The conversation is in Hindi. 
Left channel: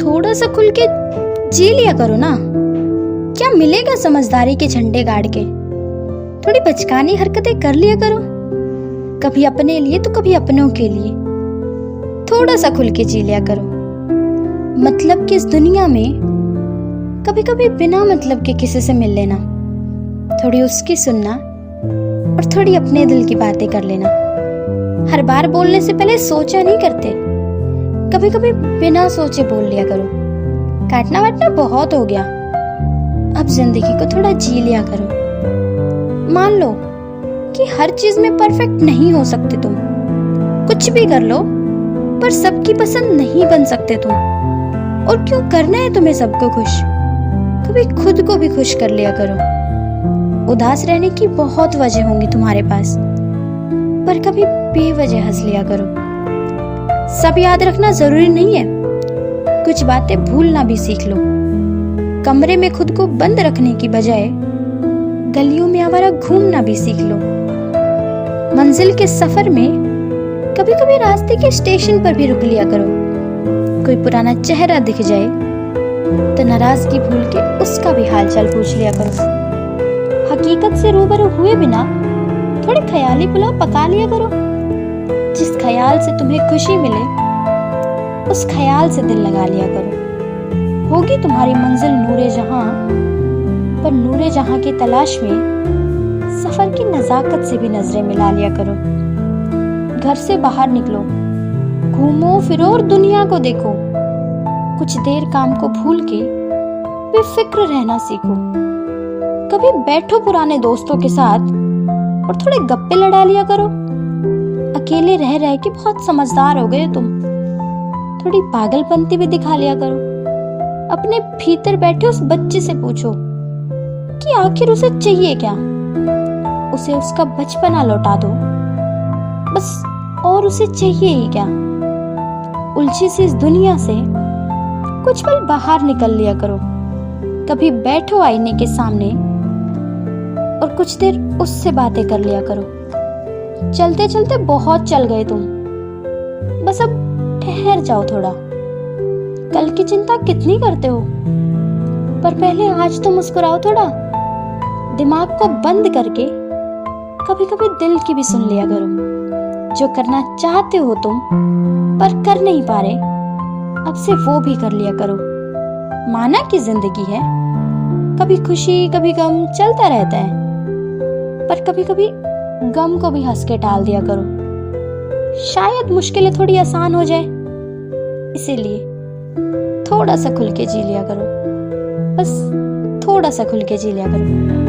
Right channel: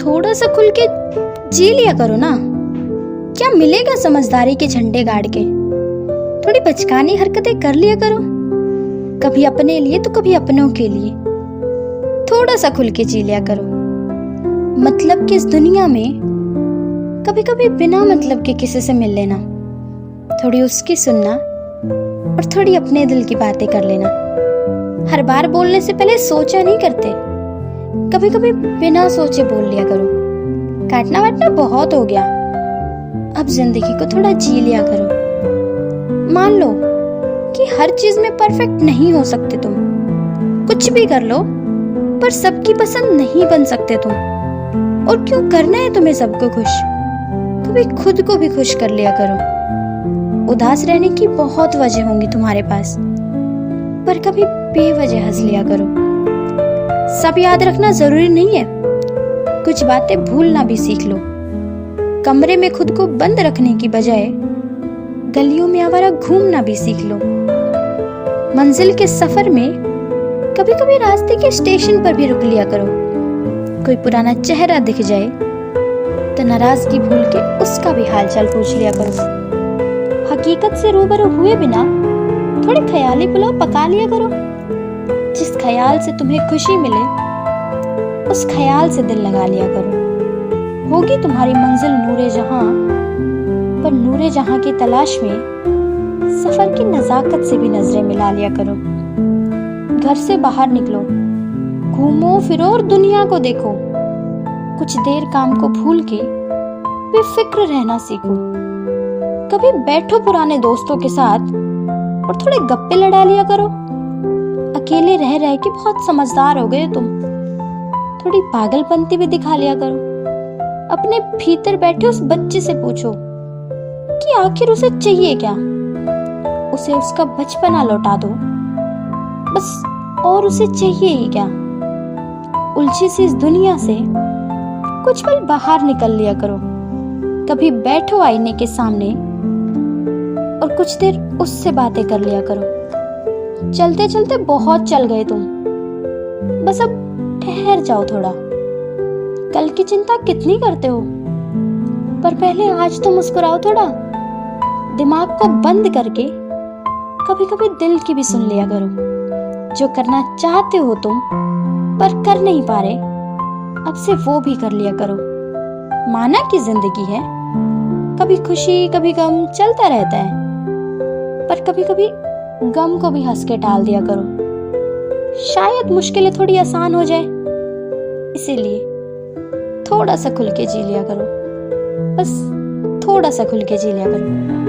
थोड़ा सा खुल के जी लिया करो ना। क्या मिलेगा समझदारी के झंडे गाड़ के? थोड़ी बचकानी हरकतें कर लिया करो, कभी अपने लिए तो कभी अपनों के लिए। थोड़ा सा खुल के जी लिया करो। मतलब कि इस दुनिया में कभी कभी बिना मतलब के किसी से मिल लेना, थोड़ी उसकी सुनना और थोड़ी अपने दिल की बातें कर लेना। हर बार बोलने से पहले सोचा नहीं करते, कभी कभी बिना सोचे बोल लिया करो। काटना वाटना बहुत हो गया, अब जिंदगी को थोड़ा जी लिया करो। मान लो कि हर चीज में परफेक्ट नहीं हो सकते तुम, कुछ भी कर लो पर सबकी पसंद नहीं बन सकते तुम। और क्यों करना है तुम्हें सबको खुश? कभी खुद को भी खुश कर लिया करो। उदास रहने की बहुत वजह होंगी तुम्हारे पास, पर कभी बेवजह हंस लिया करो। सब याद रखना जरूरी नहीं है, कुछ बातें भूलना भी सीख लो। कमरे में खुद को बंद रखने की बजाय गलियों में आवारा घूमना भी सीख लो। मंजिल के सफर में कभी कभी रास्ते के स्टेशन पर भी रुक लिया करो। कोई पुराना चेहरा दिख जाए तो नाराजगी भूल के उसका भी हालचाल पूछ लिया करो। हकीकत से रूबरू हुए बिना थोड़े ख्याली पुलाव पका लिया करो। जिस ख्याल से तुम्हें खुशी मिले उस ख्याल से दिल लगा लिया करो। होगी तुम्हारी मंजिल नूरे जहां, पर नूरे जहां की तलाश में सफर की नजाकत से भी नजरें मिला लिया करो। घर से बाहर निकलो, घूमो फिरो और दुनिया को देखो। कुछ देर काम को भूल के बेफिक्र रहना सीखो। कभी बैठो पुराने दोस्तों के साथ और थोड़े गप्पे लड़ा लिया करो। अकेले रह रह के बहुत समझदार हो गए तुम, थोड़ी पागलपंती भी दिखा लिया करो। अपने भीतर बैठे उस बच्चे से पूछो कि आखिर उसे चाहिए क्या। उसे उसका बचपना लौटा दो बस, और उसे चाहिए ही क्या। उलझी सी इस दुनिया से कुछ पल बाहर निकल लिया करो। कभी बैठो आईने के सामने और कुछ देर उससे बातें कर लिया करो। चलते चलते बहुत चल गए तुम, बस अब ठहर जाओ थोड़ा। कल की चिंता कितनी करते हो, पर पहले आज तो मुस्कुराओ थोड़ा। दिमाग को बंद करके कभी कभी दिल की भी सुन लिया करो। जो करना चाहते हो तुम पर कर नहीं पा रहे, अब से वो भी कर लिया करो। माना कि जिंदगी है, कभी खुशी कभी गम चलता रहता है, पर कभी कभी गम को भी हंस के टाल दिया करो। शायद मुश्किलें थोड़ी आसान हो जाए, इसीलिए थोड़ा सा खुल के जी लिया करो। बस थोड़ा सा खुल के जी लिया करो।